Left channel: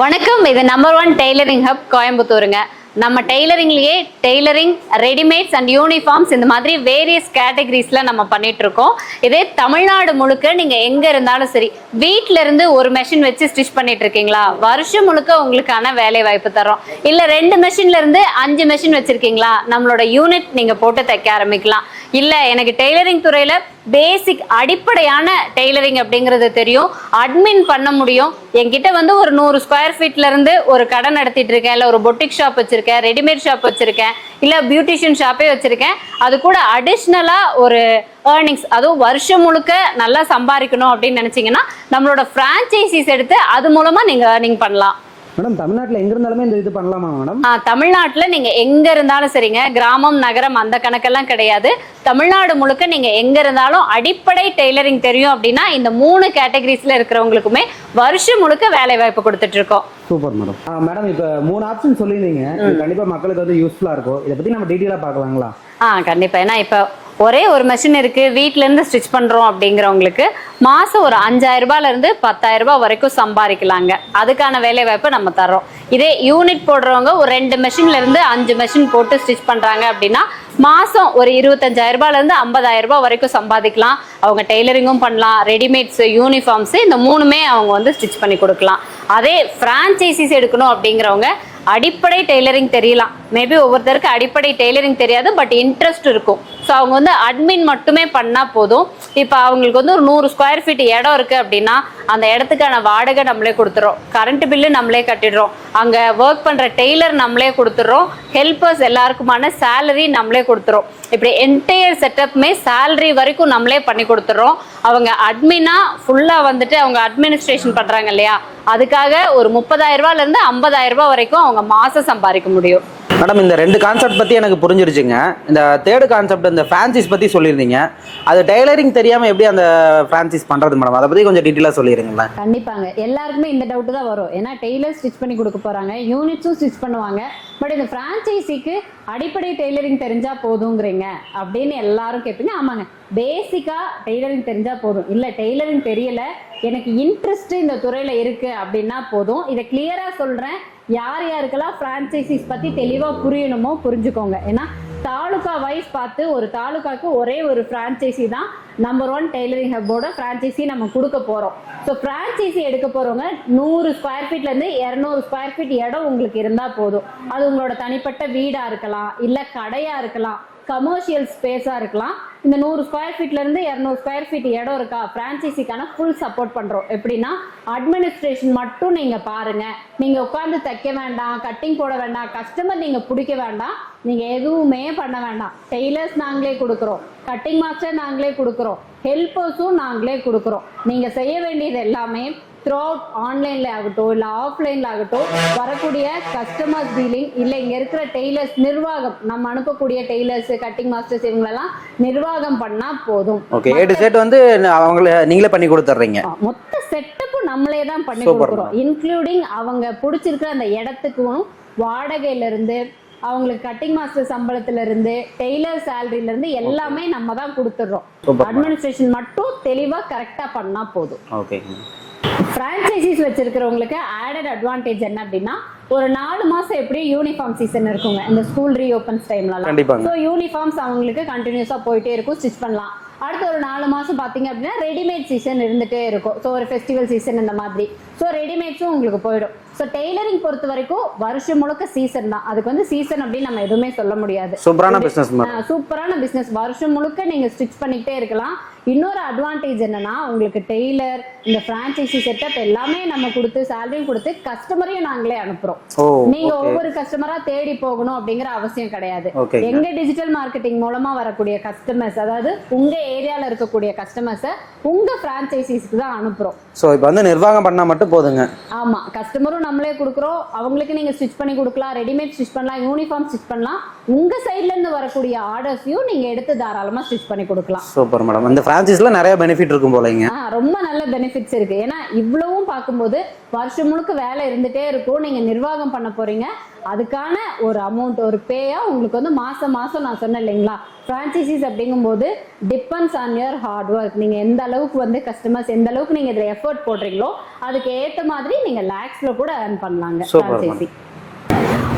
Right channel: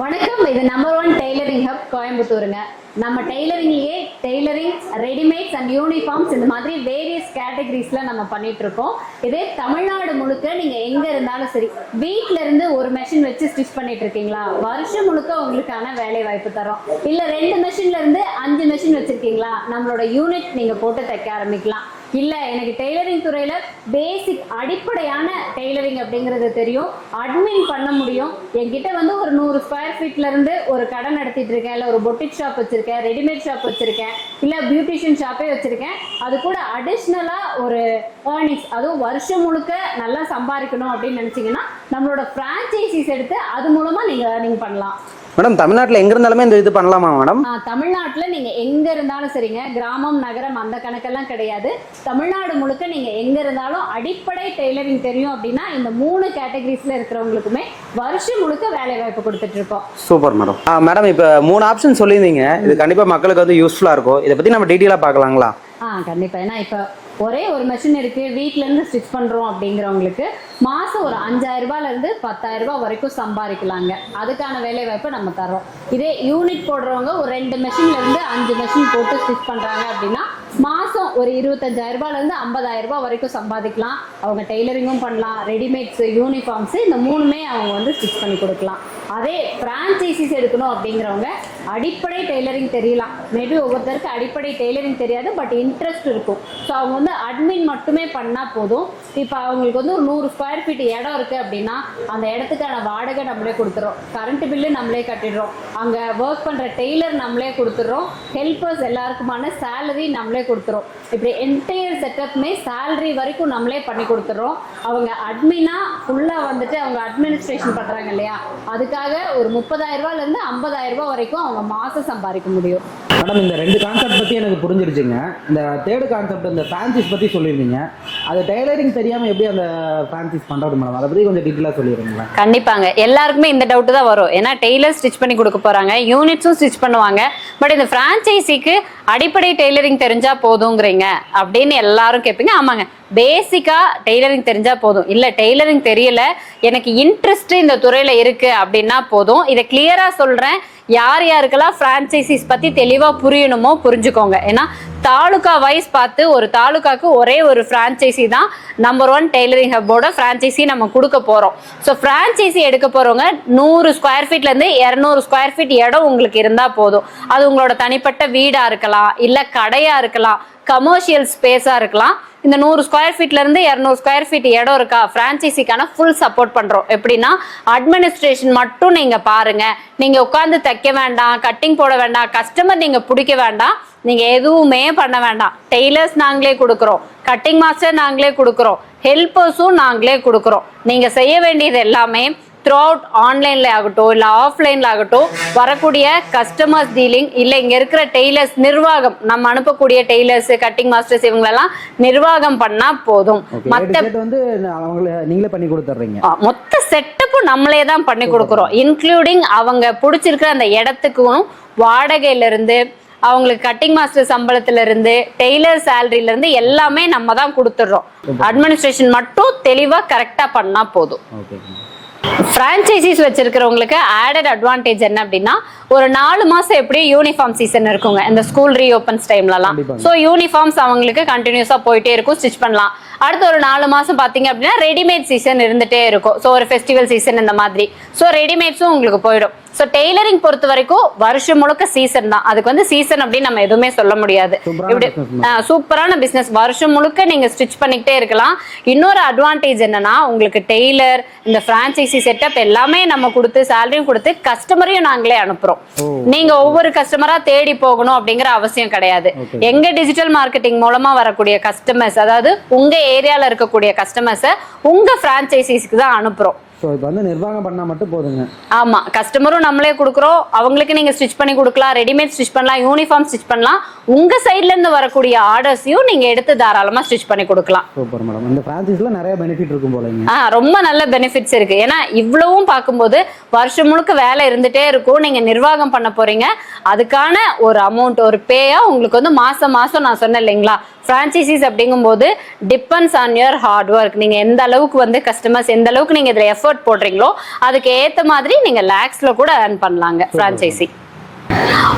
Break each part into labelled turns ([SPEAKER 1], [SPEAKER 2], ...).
[SPEAKER 1] வணக்கம். இது number one tailoring hub கோயம்புத்தூருங்க. நம்ம டெய்லரிங்லேயே டெய்லரிங் ரெடிமேட்ஸ் அண்ட் யூனிஃபார்ம்ஸ் இந்த மாதிரி வேரியஸ் கேட்டகரிஸில் நம்ம பண்ணிட்டு இருக்கோம் இதே தமிழ்நாடு முழுக்க நீங்கள் எங்கே இருந்தாலும் சரி வீட்டிலேருந்து ஒரு மெஷின் வச்சு ஸ்டிச் பண்ணிட்டு இருக்கீங்களா வருஷம் முழுக்க உங்களுக்கான வேலை வாய்ப்பு தரோம் இல்லை ரெண்டு மெஷின்லேருந்து அஞ்சு மெஷின் வச்சுருக்கீங்களா? நம்மளோட யூனிட் நீங்கள் போட்டு தைக்க ஆரம்பிக்கலாம். இல்லை எனக்கு டெய்லரிங் துறையில் பேசிக் அடிப்படையான டெய்லரிங் அப்படிங்கிறது தெரியும். அட்மின் பண்ண முடியும். என்கிட்ட வந்து ஒரு நூறு ஸ்கொயர் ஃபீட்லேருந்து ஒரு கடை நடத்திட்டு இருக்கேன். இல்லை ஒரு பொட்டிக் ஷாப் வச்சுருக்கேன் ரெடிமேட் ஷாப் வச்சுருக்கேன். இல்லை பியூட்டிஷியன் ஷாப்பே வச்சுருக்கேன். அது கூட அடிஷ்னலாக ஒரு ஏர்னிங்ஸ் அதுவும் வருஷம் முழுக்க நல்லா சம்பாதிக்கணும் அப்படின்னு நினச்சிங்கன்னா நம்மளோட ஃப்ரான்ச்சைசிஸ் எடுத்து அது மூலமாக நீங்கள் ஏர்னிங் பண்ணலாம்.
[SPEAKER 2] மேடம் தமிழ்நாட்டில் எங்க இருந்தாலுமே இந்த இது பண்ணலாமா மேடம்?
[SPEAKER 1] தமிழ்நாட்டுல நீங்க எங்க இருந்தாலும் சரிங்க. கிராமம் நகரம் அந்த கணக்கெல்லாம் கிடையாது. தமிழ்நாடு முழுக்க நீங்க எங்க இருந்தாலும் அடிப்படை டெய்லரிங் தெரியும் அப்படின்னா இந்த மூணு கேட்டகரிஸ்ல இருக்கிறவங்களுக்குமே வருஷம் முழுக்க வேலை வாய்ப்பு கொடுத்துட்டு இருக்கோம்
[SPEAKER 2] சூப்பர் மேடம். மேடம் இப்போ மூணு ஆப்ஷன் சொல்லியிருந்தீங்க. இது கண்டிப்பாக மக்களுக்கு வந்து யூஸ்ஃபுல்லாக இருக்கும். இதை பற்றி நம்ம டீட்டெயிலாக பார்க்கலாங்களா?
[SPEAKER 1] ஆ கண்டிப்பா. ஏன்னா இப்போ ஒரே ஒரு மெஷின் இருக்கு. வீட்ல இருந்து ஸ்டிச் பண்றோம் அப்படிங்கிறவங்களுக்கு மாசம் ஒரு அஞ்சாயிரம் ரூபாயில இருந்து பத்தாயிரம் ரூபாய் வரைக்கும் சம்பாதிக்கலாங்க. அதுக்கான வேலைவாய்ப்பு நம்ம தர்றோம். இதே யூனிட் போடுறவங்க ஒரு ரெண்டு மெஷின்ல இருந்து அஞ்சு மெஷின் போட்டு ஸ்டிச் பண்றாங்க அப்படின்னா மாசம் ஒரு இருபத்தஞ்சாயிரம் ரூபாயில இருந்து ஐம்பதாயிரம் ரூபாய் வரைக்கும் சம்பாதிக்கலாம். அவங்க டெய்லரிங்கும் பண்ணலாம். ரெடிமேட்ஸ் யூனிஃபார்ம்ஸ் இந்த மூணுமே அவங்க வந்து ஸ்டிச் பண்ணி கொடுக்கலாம். அதே ஃப்ரான்ச்சைசிஸ் எடுக்கணும் அப்படிங்கிறவங்க அடிப்படை டெய்லரிங் தெரியலாம் மேபி ஒவ்வொருத்தருக்கு அடிப்படை டெய்லரிங் தெரியாது பட் இன்ட்ரெஸ்ட் இருக்கும். ஸோ அவங்க வந்து அட்மின் மட்டுமே பண்ணால் போதும். இப்போ அவங்களுக்கு வந்து ஒரு நூறு ஸ்கொயர் ஃபீட் இடம் இருக்குது அப்படின்னா அந்த இடத்துக்கான வாடகை நம்மளே கொடுத்துறோம். கரண்ட் பில்லு நம்மளே கட்டிடுறோம். அங்கே ஒர்க் பண்ணுற டெய்லர் நம்மளே கொடுத்துட்றோம் ஹெல்பர்ஸ் எல்லாருக்குமான சேலரி நம்மளே கொடுத்துறோம். இப்படி என்டையர் செட்டப்புமே சேலரி வரைக்கும் நம்மளே பண்ணி கொடுத்துட்றோம் அவங்க அட்மினாக ஃபுல்லாக வந்துட்டு அவங்க அட்மினிஸ்ட்ரேஷன் பண்ணுறாங்க இல்லையா? அதுக்காக ஒரு முப்பதாயிரம் ரூபாயிலேருந்து ஐம்பதாயிரம் வரைக்கும் அவங்க மாதம் சம்பாதிக்க முடியும்.
[SPEAKER 2] மேடம் இந்த ரெண்டு கான்செப்ட் பற்றி எனக்கு புரிஞ்சிருச்சுங்க. இந்த தேர்டு கான்செப்ட் இந்த ஃப்ரான்சிஸ் பற்றி சொல்லியிருந்தீங்க. அது டெய்லரிங் தெரியாமல் எப்படி அந்த ஃப்ரான்சிஸ் பண்ணுறது மேடம் அதை பற்றி கொஞ்சம் டீட்டெயிலாக சொல்லிடுங்களேன்
[SPEAKER 1] கண்டிப்பாங்க. எல்லாருக்குமே இந்த டவுட் தான் வரும். ஏன்னா டெய்லர் ஸ்டிச் பண்ணி கொடுக்க போறாங்க யூனிட்ஸும் ஸ்டிச் பண்ணுவாங்க. பட் இந்த ஃப்ரான்ச்சைசிக்கு அடிப்படை டெய்லரிங் தெரிஞ்சா போதுங்கிறீங்க அப்படின்னு எல்லாரும் கேட்பீங்க ஆமாங்க. பேசிக்கா டெய்லரிங் தெரிஞ்சா போதும். இல்ல டெய்லரிங் தெரியல. எனக்கு இன்ட்ரெஸ்ட் இந்த துறையில இருக்கு அப்படின்னா போதும். இதை கிளியரா சொல்றேன். யார் யாருக்கெல்லாம் ஃப்ரான்ச்சைசிஸ் பத்தி தெளிவா புரியணுமோ புரிஞ்சுக்கோங்க. ஏன்னா தாலுகா வைஸ் பார்த்து ஒரு தாலுகாக்கு ஒரே ஒரு ஃப்ரான்ச்சைசி தான் நம்பர் ஒன் டெய்லரிங் ஹப்போட ஃப்ரான்ச்சைசி நம்ம கொடுக்க போகிறோம் ஸோ ஃப்ரான்ச்சைசி எடுக்க போகிறவங்க நூறு ஸ்கொயர் ஃபீட்லேருந்து இரநூறு ஸ்கொயர் ஃபீட் இடம் உங்களுக்கு இருந்தால் போதும். அது உங்களோட தனிப்பட்ட வீடாக இருக்கலாம் இல்லை கடையாக இருக்கலாம் கமர்ஷியல் ஸ்பேஸாக இருக்கலாம். இந்த நூறு ஸ்கொயர் ஃபீட்லேருந்து இரநூறு ஸ்கொயர் ஃபீட் இடம் இருக்கா ஃப்ரான்ச்சைசிக்கான ஃபுல் சப்போர்ட் பண்ணுறோம் எப்படின்னா அட்மினிஸ்ட்ரேஷன் மட்டும் நீங்கள் பாருங்கள் நீங்கள் உட்காந்து தைக்க வேண்டாம் கட்டிங் போட வேண்டாம் கஸ்டமர் நீங்கள் பிடிக்க வேண்டாம். நீங்க எதுவுமே பண்ண வேண்டாம். டெய்லர்ஸ் நாங்களே கொடுக்குறோம். கட்டிங் மாஸ்டர் நாங்களே கொடுக்குறோம். ஹெல்ப்பர்ஸும் நாங்களே கொடுக்குறோம். நீங்க செய்ய வேண்டியது எல்லாமே த்ரூ அவுட் ஆன்லைன்ல ஆகட்டும் இல்லை ஆஃப்லைன்ல ஆகட்டும் வரக்கூடிய கஸ்டமர்ஸ் டீலிங் இல்லை இங்க இருக்கிற டெய்லர்ஸ் நிர்வாகம் நம்ம அனுப்பக்கூடிய டெய்லர்ஸ் கட்டிங் மாஸ்டர்ஸ் இவங்களெல்லாம் நிர்வாகம் பண்ணா போதும்.
[SPEAKER 2] வந்து அவங்கள நீங்களே பண்ணி கொடுத்துட்றீங்க.
[SPEAKER 1] மொத்த செட்டப்பும் நம்மளே தான் பண்ணி கொடுக்குறோம். இன்க்ளூடிங் அவங்க பிடிச்சிருக்கிற அந்த இடத்துக்கும் வாடகையில இருந்து அவங்களுக்கு கட்டிங் மாஸ்டர் சம்பளத்துல இருந்து டெய்லர் சேலரியில இருந்து எல்லாமே நம்ம தான் கொடுத்துடுறோம். அட்மினிஸ்ட்ரேஷன் மட்டும் தெளிவா கரெக்டா பண்ணா போதும்.
[SPEAKER 2] ஓகே
[SPEAKER 1] ஃப்ரான்ச்சைசிஸ் வச்சிருக்கிறவங்களுக்கு ஆடட் அட்வான்டேஜ் என்ன அப்படின்னா ஒரு நாலு மாசம் எப்படியும் யூனிஃபார்ம் சீசன் இருக்குங்க. இந்த ஸ்கூல் ரீஓப்பன்ஸ் டைம்லலாம். ஸோ யூனிஃபார்ம்ஸ் அவங்களுக்கு கண்டினியூஸா போயிட்டே இருக்கும். ஸ்டிச் பண்ணலாம். அடுத்த ஒரு நாலு மாசம் பாத்தீங்க அப்படின்னா ரெடிமேட் சீசன் இருந்துட்டே இருக்கும். ஸோ ஒரு ஃபெஸ்டிவல் சீசன் இந்த மாதிரி. ஸோ ரெடிமேட்ஸும் உங்களுக்கு போயிடும். ஸோ டெய்லரிங் பொறுத்த வரைக்கும் வருஷம் முழுக்க சீசன் தான். அதுக்கு வந்து சீசன் அப்படின்னு நம்ம எதுவுமே சொல்ல முடியாது.
[SPEAKER 2] சூப்பரான
[SPEAKER 1] பிசினஸ் வருஷம் முழுக்க நீங்க ஸ்டிச் பண்ணிக்கிட்டே இருக்கலாம். இன்னொரு அட்வான்டேஜ் என்னன்னா உங்களுக்கு டெய்லர் இந்த ஃப்ரான்ச்சைசி செட்டப் எல்லாமே நம்ம கொடுத்து சேலரியும் கொடுத்து கஸ்டமரையும் நாங்களே அனுப்புறோம். நீங்க ஒவ்வொரு கஸ்டமரா தேடி போகணும் அப்படிங்கிற அவசியம் கிடையாது. எங்க டிஜிட்டல் மார்க்கெட்டிங் மூலமா வரக்கூடிய கஸ்டமர்ஸ் அதாவது உங்க ஏரியால இருக்கக்கூடிய கஸ்டமர்ஸை உங்க ஃப்ரான்ச்சைசிஸ்க்கு தான் அனுப்புறோம்.
[SPEAKER 2] ஸோ இப்போ வந்து நிர்வாகம் பண்ணால் மட்டும் போதுங்க.
[SPEAKER 1] ஆமா கஸ்டமரும் நம்மளே கொடுக்குறோம். அவங்களுக்கு நீங்க ஸ்டிச் பண்ணி கொடுக்கலாம் ரெடிமேட் ஸ்டிச் பண்ணலாம் யூனிஃபார்ம் ஸ்டிச் பண்ணலாம். உங்க சைட்ல இருந்து வரக்கூடிய ஆர்டர்ஸையும் நீங்க எடுத்து தாராளமா ஸ்டிச் பண்ணி கொடுக்கலாம்.
[SPEAKER 2] சூப்பர் மேடம் இந்த ஃப்ரான்ச்சைஸில் நிறைய பெனிஃபிட் இருக்கும் போலங்க.
[SPEAKER 1] ஆ ரொம்ப நல்ல பெனிஃபிட்ஸ் இருக்கு. ஏன்னா இவ்வளவும் பார்க்கும்போது வருஷம் முழுக்க வேலை இருந்துட்டே இருக்கும். நீங்க நிர்வாகம் பண்ண போறீங்க. அதுக்கான ஒரு அமௌண்ட் ஒரு பேயா உங்களுக்கு வந்து மாசம் மாசம் நான் சொன்னேன் இல்லைங்களா? ஃப்ரான்ச்சைசிஸ் அப்படிங்கும்போது depends on your hard work நீங்கள் எந்த அளவுக்கு வந்து கஸ்டமர்ஸ் எந்த அளவுக்கு நீங்கள் இதில் எஃபர்ட் போடுறீங்களோ அதுக்கு ஏற்ற மாதிரி நீங்கள் லேக்ஸில் கூட earn பண்ணலாங்க ஃப்ரான்ச்சைசி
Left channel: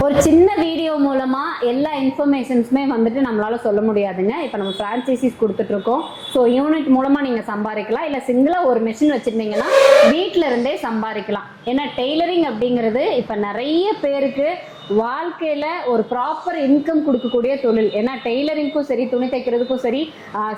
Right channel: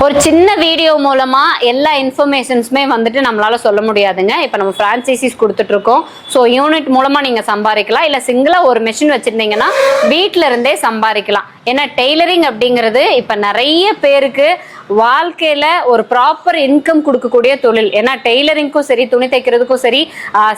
[SPEAKER 1] ஒரு சின்ன வீடியோ மூலமா எல்லா இன்ஃபர்மேஷன்ஸுமே வந்துட்டு நம்மளால சொல்ல முடியாதுங்க. இப்போ நம்ம ஃப்ரான்ச்சைசிஸ் கொடுத்துட்டு இருக்கோம் ஸோ யூனிட் மூலமா நீங்க சம்பாதிக்கலாம். இல்ல சிங்கிளா ஒரு மெஷின் வச்சிருந்தீங்கன்னா வீட்ல இருந்தே சம்பாதிக்கலாம். ஏன்னா டெய்லரிங் அப்படிங்கிறது இப்போ நிறைய பேருக்கு வாழ்க்கையில ஒரு ப்ராப்பர் இன்கம் கொடுக்கக்கூடிய தொழில். ஏன்னா டெய்லரிங்க்கும் சரி துணி தைக்கிறதுக்கும் சரி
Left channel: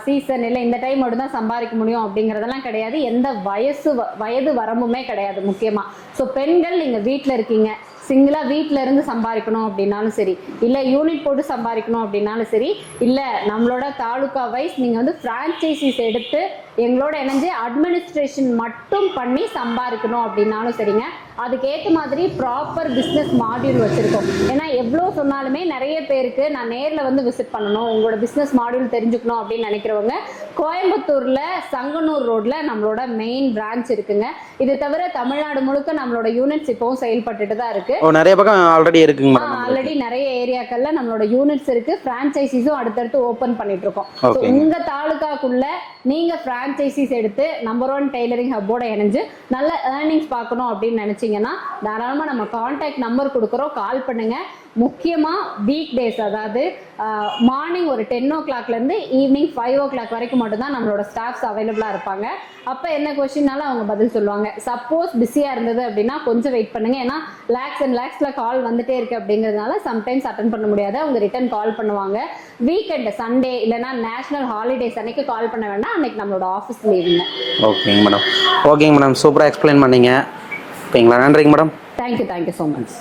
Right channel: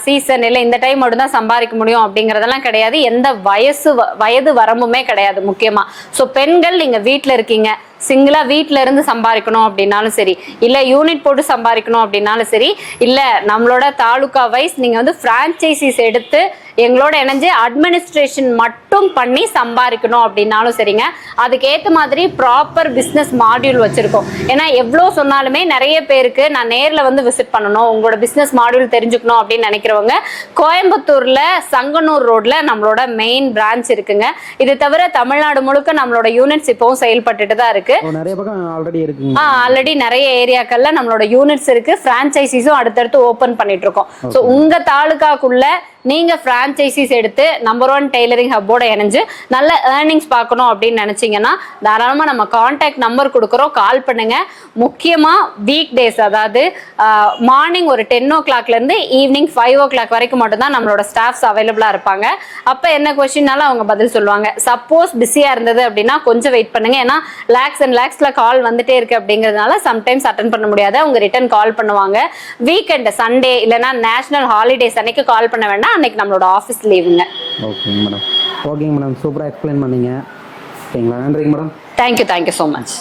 [SPEAKER 1] சீசன் இல்லை இந்த டைம் மட்டும் தான் சம்பாதிக்க முடியும் அப்படிங்கிறதெல்லாம் கிடையாது. எந்த வயசு வ- வயது வரம்புமே கிடையாது முக்கியமா. ஸோ பெண்கள் நீங்க வீட்டில் இருக்கீங்க. சிங்கிளா வீட்டில் இருந்து சம்பாதிக்கணும் அப்படின்னாலும் சரி இல்ல யூனிட் போட்டு சம்பாதிக்கணும் அப்படின்னாலும் சரி இல்ல நம்மளோட தாலுகா வைஸ் நீங்க வந்து பிரான்ச்சைசிஸ் எடுத்து எங்களோட இணைஞ்சு அட்மினிஸ்ட்ரேஷன் மட்டும் பண்ணி சம்பாதிக்கணும் அப்படின்னாலும் சரிங்க. அதுக்கேற்ற மாதிரி ப்ராப்பர் பிஸ்னஸ் மாடியூல் வச்சிருக்கோம். ஏன்னா எவ்வளோ சொன்னாலுமே நிறைய பேருக்கு நான் நேரில் வந்து விசிட் பண்ணணும் உங்களோட பிஸ்னஸ் மாடியூல் தெரிஞ்சுக்கணும் அப்படின்னு நினைக்கிறவங்க கோயம்புத்தூர்ல சங்கனூர் ரோட்ல நம்மளோட மெயின் பிரான்ச் இருக்குங்க. இது தவிர தமிழ்நாடு முழுக்க நம்மளோட யூனிட்ஸ் இப்போவும் செயல்பட்டுட்டு தான் இருக்கு.
[SPEAKER 2] நிறைய பக்கம் ஆல்ரெடி இருக்குங்க.
[SPEAKER 1] ஆல்ரெடி நிறைய ஏரியாக்கள்ல நம்மளோட யூனிட்ஸ் இருக்கு. பிரான்ச்சைசிஸும் அடுத்தடுத்து ஓபன் பண்ணிட்டு இருக்கோம். ஸோ. உங்க தாலுகாக்குள்ள நீங்கள் ஃப்ரான்ச்சைசிஸ் எடுத்து நம்பர் ஒன் டெய்லரிங் ஹப்போட இணைஞ்சு நல்ல ஏர்னிங்ஸ் பார்க்கணும் அப்படின்னு நினச்சிங்கன்னா தாராளமாக நம்ம காண்டாக்ட் நம்பர் கொடுக்குறோம். கால் பண்ணுங்கள் முக்கியமாக வீக் டேஸ் அதாவது மார்னிங் ஒரு டென் ஓ கிளாக்லேருந்து ஈவினிங் ஃபைவ் ஓ கிளாக் வரைக்கும் மட்டும்தான் நம்மளோட ஸ்டாஃப்ஸ் அவைலபிளாக இருப்பாங்க. அப்போ என்ன கொஸ்டின்னாலும் அவங்க பதில் சொல்லுவாங்க. சப்போஸ் பிஸியாக இருந்தது அப்படின்னா கொஞ்சம் வெயிட் பண்ணுங்க. ஏன்னா லேக்ஸ் அண்ட் லேக்ஸில் கால் வந்துட்டே இருக்கு அப்படிங்கிறதுனால சம்டைம்ஸ் அட்டன் பண்ண முடியாது. அவங்க ரிட்டர்ன் கால் பண்ணுவாங்க. வீக்கெண்ட் சண்டே இல்லைன்னா நேஷனல் ஹாலிடேஸ் அன்னைக்கு கால் பண்ண வேண்டாம். அன்னைக்கு நம்மளோட ஆஃபீஸ் லீவுங்க
[SPEAKER 2] ஓகேங்க மேடம் ஓகேங்க மேடம் சூப்பராக எக்ஸ்பிளைன் பண்ணீங்க. ஓகேங்களா நன்றிங்க madam
[SPEAKER 1] thank you thank you so much